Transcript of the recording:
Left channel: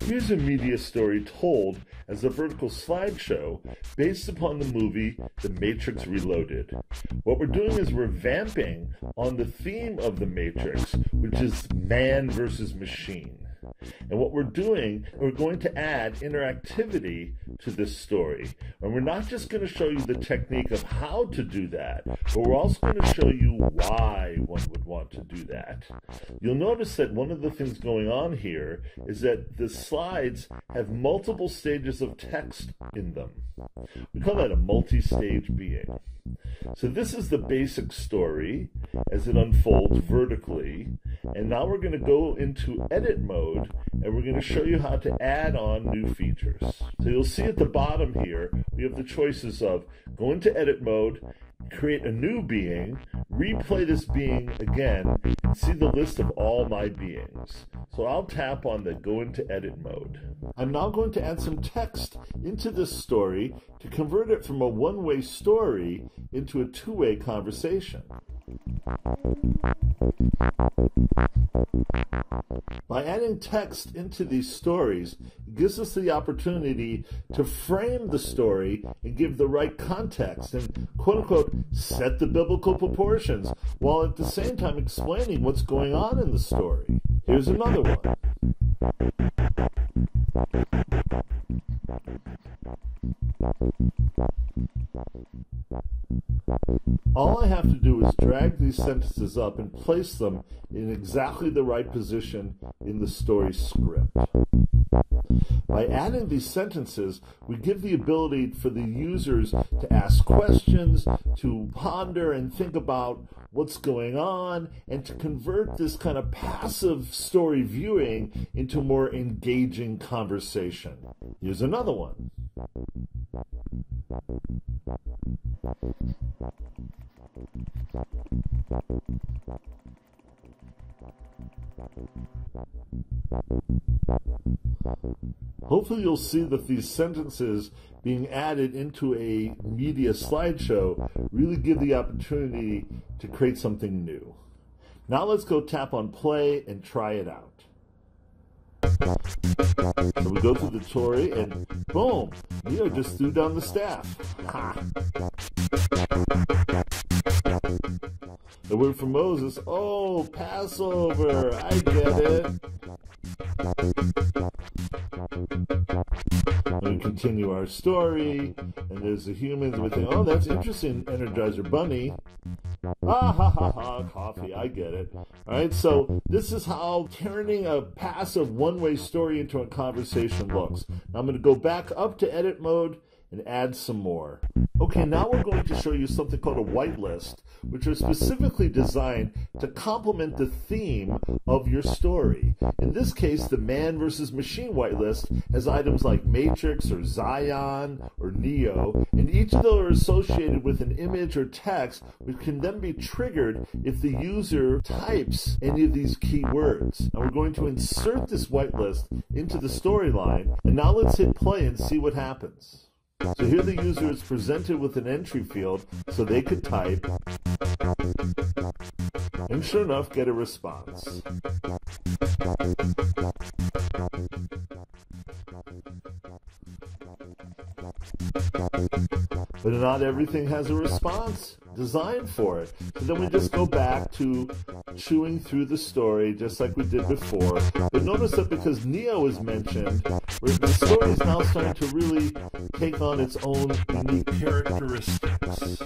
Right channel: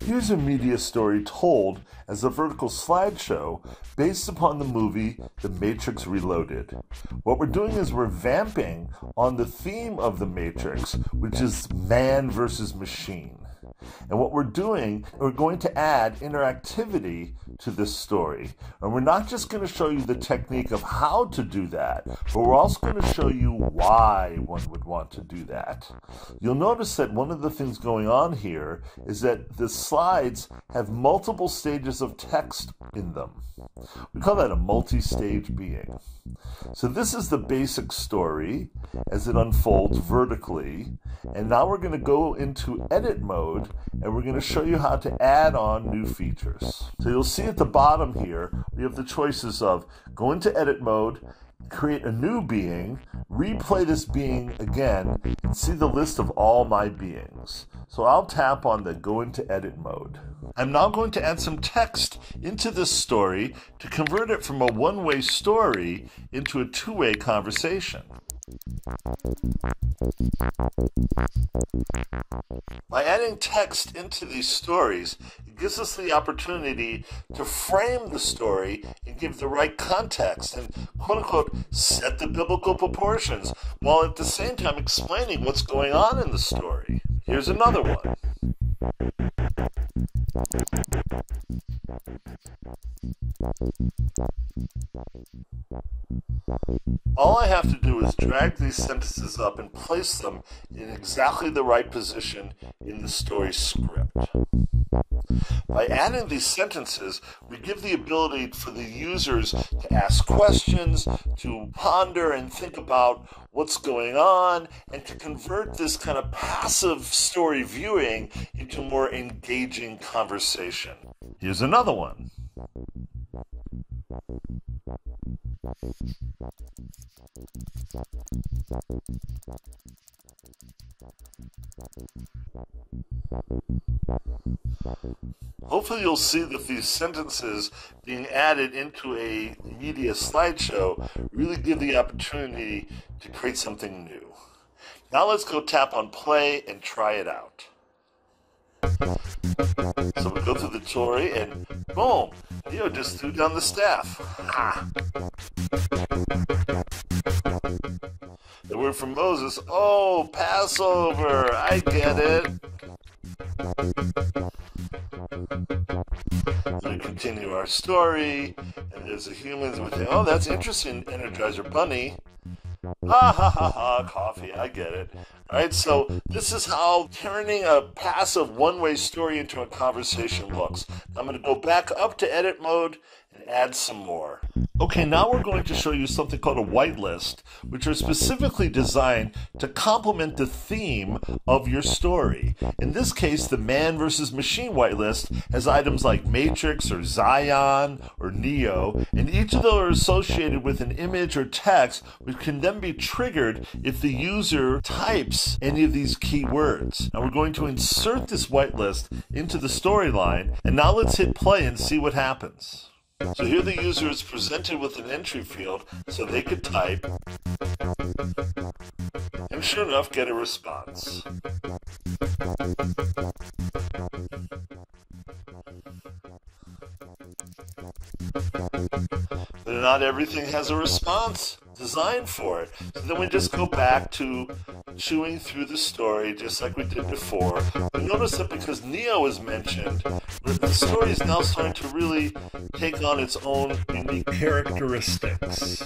Here's a media story told as a vertical slideshow based upon the movie The Matrix Reloaded. What we're doing is we're vamping on the theme of The Matrix, which is man versus machine. And what we're doing, we're going to add interactivity to this story. And we're not just going to show you the technique of how to do that, but we're also going to show you why one would want to do that. You'll notice that one of the things going on here is that the slides have multiple stages of text in them. We call that a multi-stage being. So this is the basic story as it unfolds vertically. And now we're going to go into edit mode and we're going to show you how to add on new features. So you'll see at the bottom here, we have the choices of go into edit mode, create a new being, replay this being again, and see the list of all my beings. So I'll tap on the go into edit mode. I'm now going to add some text into this story to convert it from a one-way story into a two-way conversation. By adding text into these stories, it gives us the opportunity to frame the story and give the right context and quote-unquote set the biblical proportions while at the same time explaining what's going on in the story. Here's another one. All I have to do is drag these sentences up and place them in exactly the right position in the story script. By adding these sentences, we give the ability for the users to ask questions, to ponder and think about what's going on, and to convert this kind of passive story viewing into more engaging conversation. Here's another one. Hopefully you'll see that these sentences being added into a media slideshow really give the opportunity to create something new. Now let's go tap on play and try it out. So we go through the story and boom, Neo just threw down the staff. The word from Moses, oh, Passover, I get it. And we continue our story, and there's the humans with the, oh, that's interesting, Energizer Bunny. Ha ha ha ha, coffee, I get it. All right, so this is how turning a passive one-way story into a conversation looks. Now I'm going to go back up to edit mode and add some more. Okay, now we're going to show you something called a whitelist, which are specifically designed to complement the theme of your story. In this case, the man versus machine whitelist has items like Matrix or Zion or Neo, and each of those are associated with an image or text which can then be triggered if the user types any of these keywords. Now we're going to insert this whitelist into the storyline, and now let's hit play and see what happens. So here the user is presented with an entry field so they could type, and sure enough, get a response. But not everything has a response designed for it. So then we just go back to chewing through the story just like we did before. But notice that because Neo is mentioned, the story is now starting to really take on its own unique characteristics.